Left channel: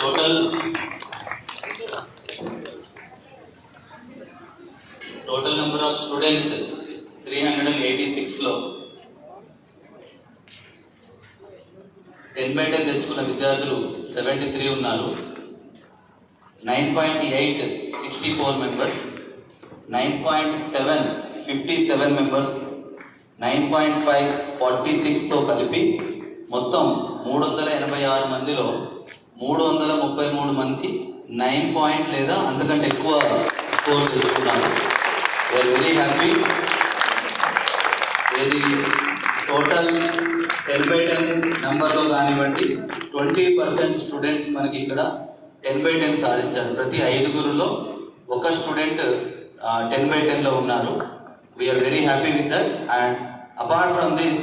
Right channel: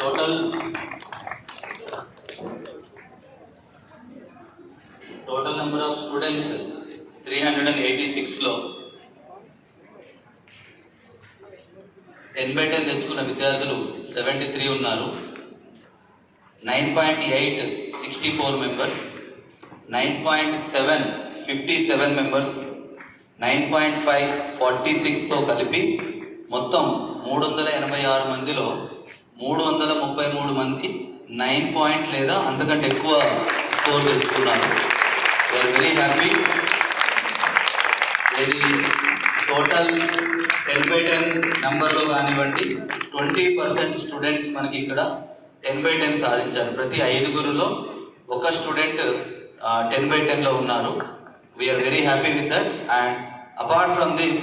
total number of students 386 లో 10/10 తెచ్చుకున్న విద్యార్థులు 73 ఉన్నారు. 9.8 64 మెంబర్స్, 9.7 57 మెంబర్స్, 9.5 46తో కలిపి మొత్తం 386 మందిలో 333 మంది 9 పాయింట్ లేదా అంతకంటే ఎక్కువ స్కోర్ తెచ్చుకున్నారు. We are very happy. ఇది టోటల్ 10/10 నెంబర్లో కానివ్వండి 20% స్టూడెంట్స్ మనకి ఇక్కడ 10/10 సాధించారు. ప్రతి 5గురులో ఒక స్టూడెంట్ 10/10లో ఉన్నారు. We are very happy with that. And apart from this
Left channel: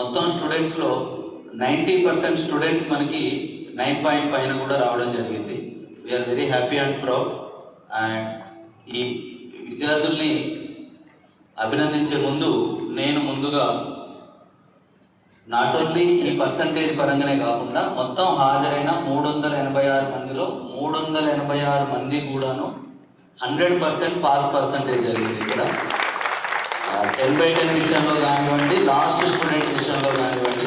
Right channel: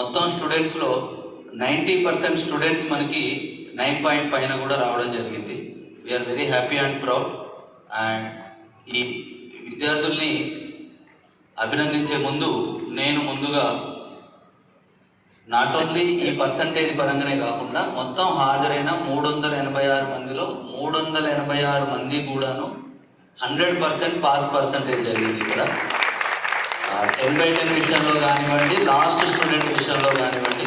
మొత్తం స్టూడెంట్స్లో 90% స్టూడెంట్స్ మనకి 9 పాయింట్ పైన కూడా రావడం జరిగింది. We are very happy and proud. అండ్ ఈ విద్యార్థుల్ని అభినందించే ముందు నేను ముందుగా నాట్ ఓన్లీ ఈ పర్సంటేజ్ పరంగానే కాకుండా మొత్తం హాజరైన 386 మందిలో 386 మంది కూడాను 100% పాస్ పర్సంటేజ్ జరిగింది. ఇక్కడ 10/10 విషయంలో కానివ్వండి, లాస్ట్ స్టూడెంట్ విషయంలో కానివ్వండి,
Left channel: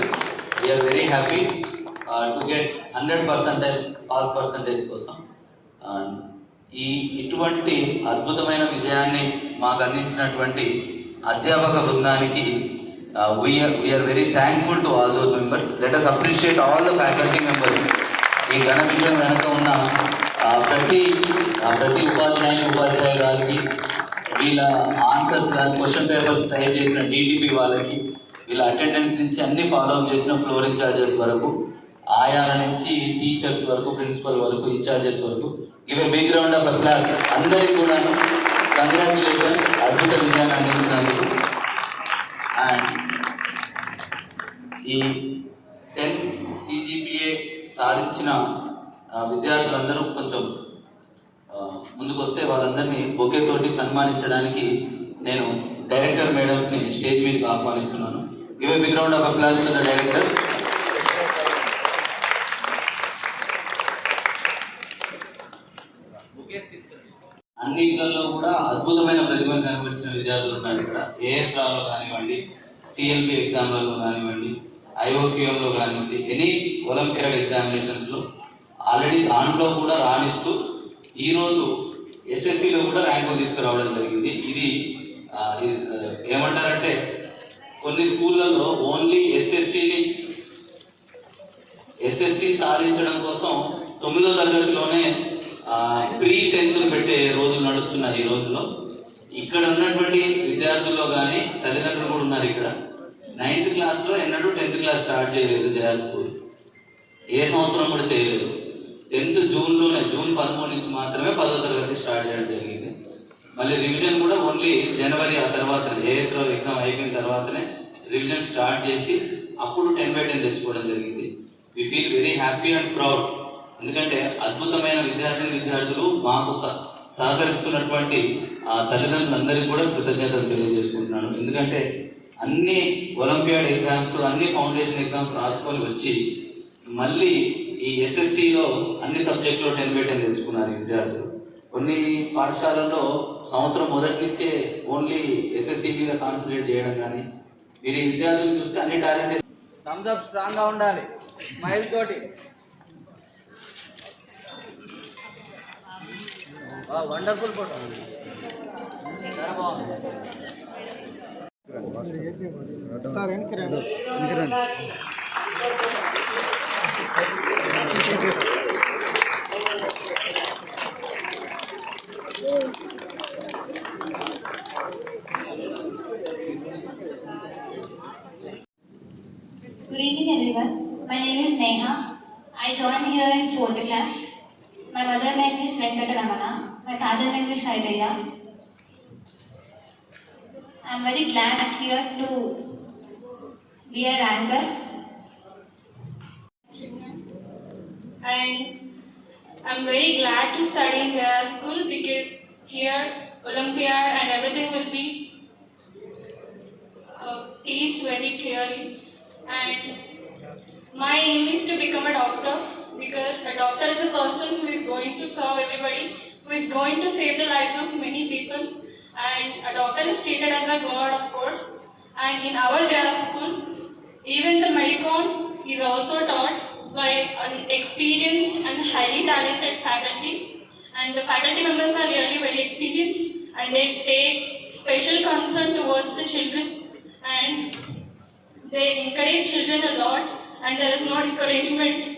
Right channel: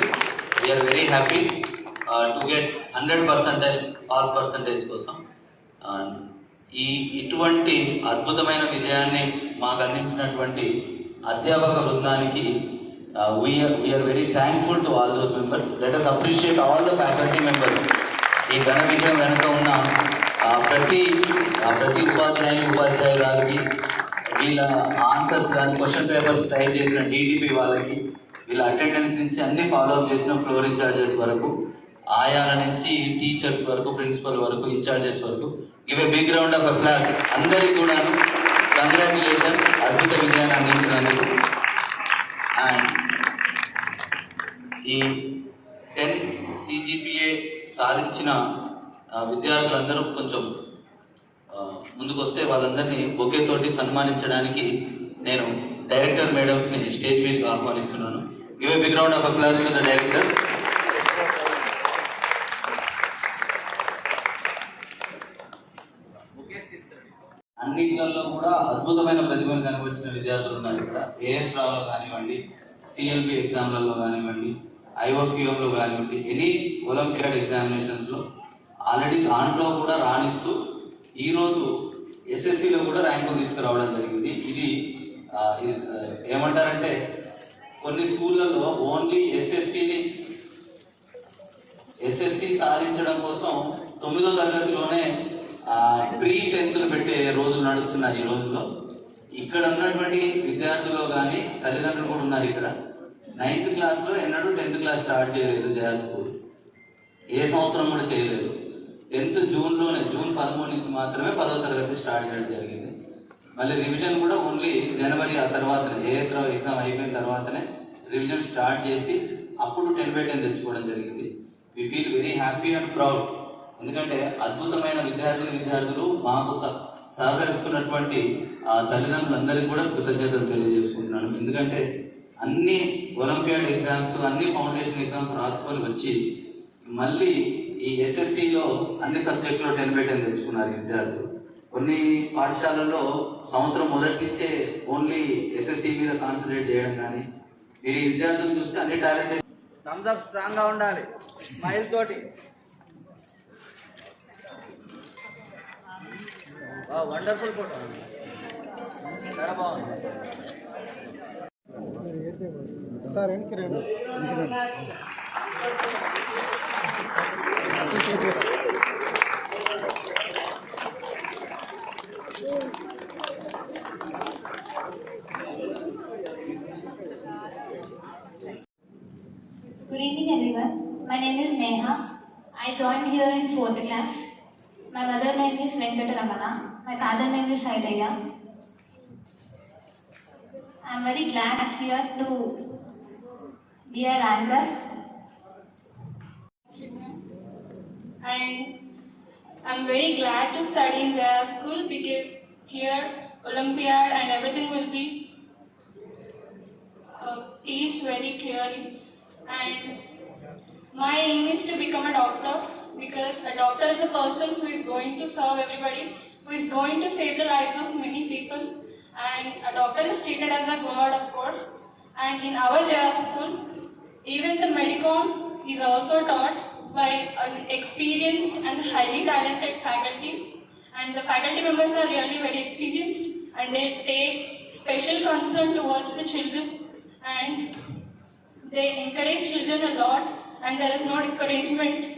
we are very happy to get 100% pass percentage కోసం. ఇటువంటి అద్భుతమైన విజయాన్ని మాకు అందించినటువంటి అధ్యాపక బృందానికి we are very thankful to all those members. Let us appreciate all the faculty members. ఈ ఘన విజయం వెనుక ఉన్న ప్రతి ఉపాధ్యాయురాలకి, వీళ్ళ ఆన్సర్స్ కానీ క్వశ్చన్ పేపర్స్ తయారు చేసిన డిటిపి వాళ్ళకి, వీళ్ళ అటెండెన్స్ నుంచి అన్ని ఫాలో అప్ చేసిన ఫ్లోర్ ఇన్ఛార్జెస్ వరకు, ఆయాల నుంచి టీచర్స్ వరకు, ప్రిన్సిపల్ వరకు, ఇన్ఛార్జెస్ వరకు give a big round of applause. అందరికీ కూడా కంగ్రాచులేషన్ అద్భుత విజయాన్ని అందించినందుకు. అండ్ ఈ 10 CGPA సాధించిన విద్యార్థులందరూ కొంచెం ముందుకు వస్తే వాళ్ళందరినీ బొకే తోటి సన్మానించడానికి నేను డైరెక్టర్ మేడమ్స్ని స్టేజ్ మీదకి ఆహ్వానిస్తున్నాను. Give a big round of applause to the director. అన్నింటిలో కూడా అద్భుతమైన ప్రతిభను కనబరిచిన విద్యార్థులు ఉన్నారు. ఇక్కడ AS రావులో కానివ్వండి, CLB ఎగ్జామ్లలో కానివ్వండి, IOQMలో కానివ్వండి, ఎనీ ఒలింపియాడ్ ఎగ్జామినేషన్స్లో ఆల్రెడీ దాంట్లో కూడా రాణిస్తూ ఈరోజు SSCలో కూడా ర్యాంకులు తీసుకురావడం జరిగింది. ఇది ఏమంటారంటే కొన్ని స్కూళ్ళల్లో ఓన్లీ SSC సాధించడం కోసం 9వ తరగతిలోనే ప్రీ-10th పెట్టే రోజులు నడుస్తున్నాయి. ఈ రోజుల్లో ఇక్కడ ఉన్నటువంటి విద్యార్థుల్లో కానీ తల్లిదండ్రులు కూడా ఉన్నారు. ఇక్కడ 9th క్లాస్లో ఎన్నడూ 10th క్లాస్ స్టార్ట్ చేయలేదు జయా స్కూల్. ఏ సంవత్సరం కూడా చేయలేదు. 10th జూన్లోనే, జూన్ 13 నుంచి మాత్రమే 10వ తరగతి స్టార్ట్ చేయడం జరిగింది. మళ్ళీ రివిజన్ కూడా ఓన్లీ జనవరి ఆ తర్వాతనే, AS రావు ఎగ్జామ్ అయిపోయిన తర్వాతనే రివిజన్ స్టార్ట్ చేసి అప్పుడు 10/10 తెచ్చుకోవడం జరిగింది. We feel very happy and proud. ఎందుకంటే అద్భుతమైన విద్యార్థులు మాకు సహకరిస్తున్నటువంటి తల్లిదండ్రులందరికీ కూడా కృతజ్ఞతలు తెలియజేసుకుంటున్నాను. ఎందుకంటే అన్ని ఒలింపియాడ్ ఎగ్జామ్స్, అన్ని ఫౌండేషన్ ఎగ్జామ్స్ రాసుకొని వచ్చి మళ్ళీ ఈ SSCలో అన్ని సబ్జెక్టులో 10/10 తెచ్చుకున్నారు విద్యార్థులు. కొన్ని పాఠశాలల్లో సంవత్సరం మొదటి నుంచే ఓన్లీ SSC మీద కాన్సన్ట్రేట్ చేయడం కానీ, మీరు ఈ విద్యార్థులు చూస్తే అన్ని టాలెంట్ థమ్స్ అప్ స్ట్రాంగ్గా ఉండాలి, స్మైల్ తోటి. వండర్ఫుల్ ఫోటో, చాలా బాగుంది సార్. వెనక్కి రండి. Good evening everyone. My name is Neha. I joined here in 4th class. My mother name is Venkataramana. My father name is Saidaya. I am very glad here to be a ranker. And I'm very glad to study in Jaya School because here Olympiad and everything will be teach very clearly, and my aim is to become a doctor because a doctor is a person who is going to serve everybody, who is going to save the lives of many people, and a doctor is treated as a god, of course. And in our JR school, even the Medicom is also taught by an experienced and highly talented faculty, and the faculty members are really very experienced and they take special concern towards the children, and they encourage children a lot, and there is no discouragement.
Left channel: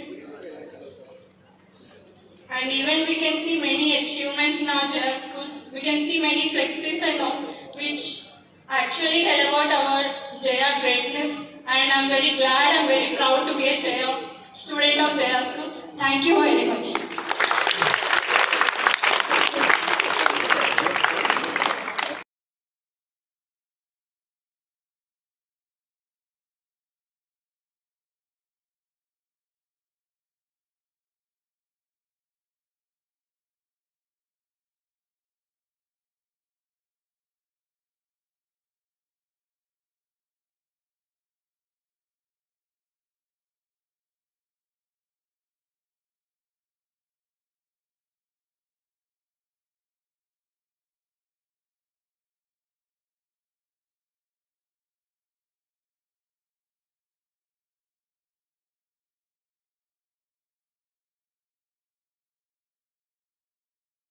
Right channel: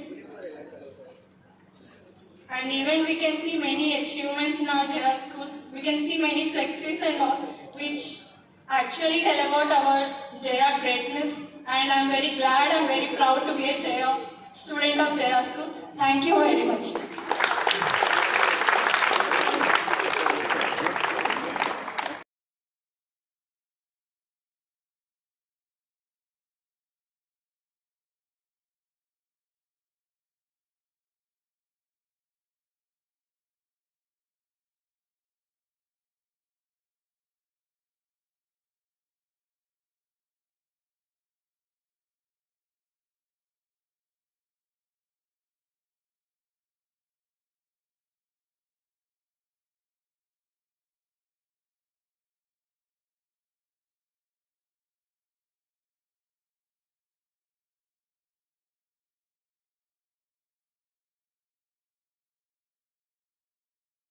And even we can see many achievements in our JR school. We can see many flexes and all, which actually tell about our JR greatness. And I'm very glad, I'm very proud to be a JR student of JR school. Thank you very much.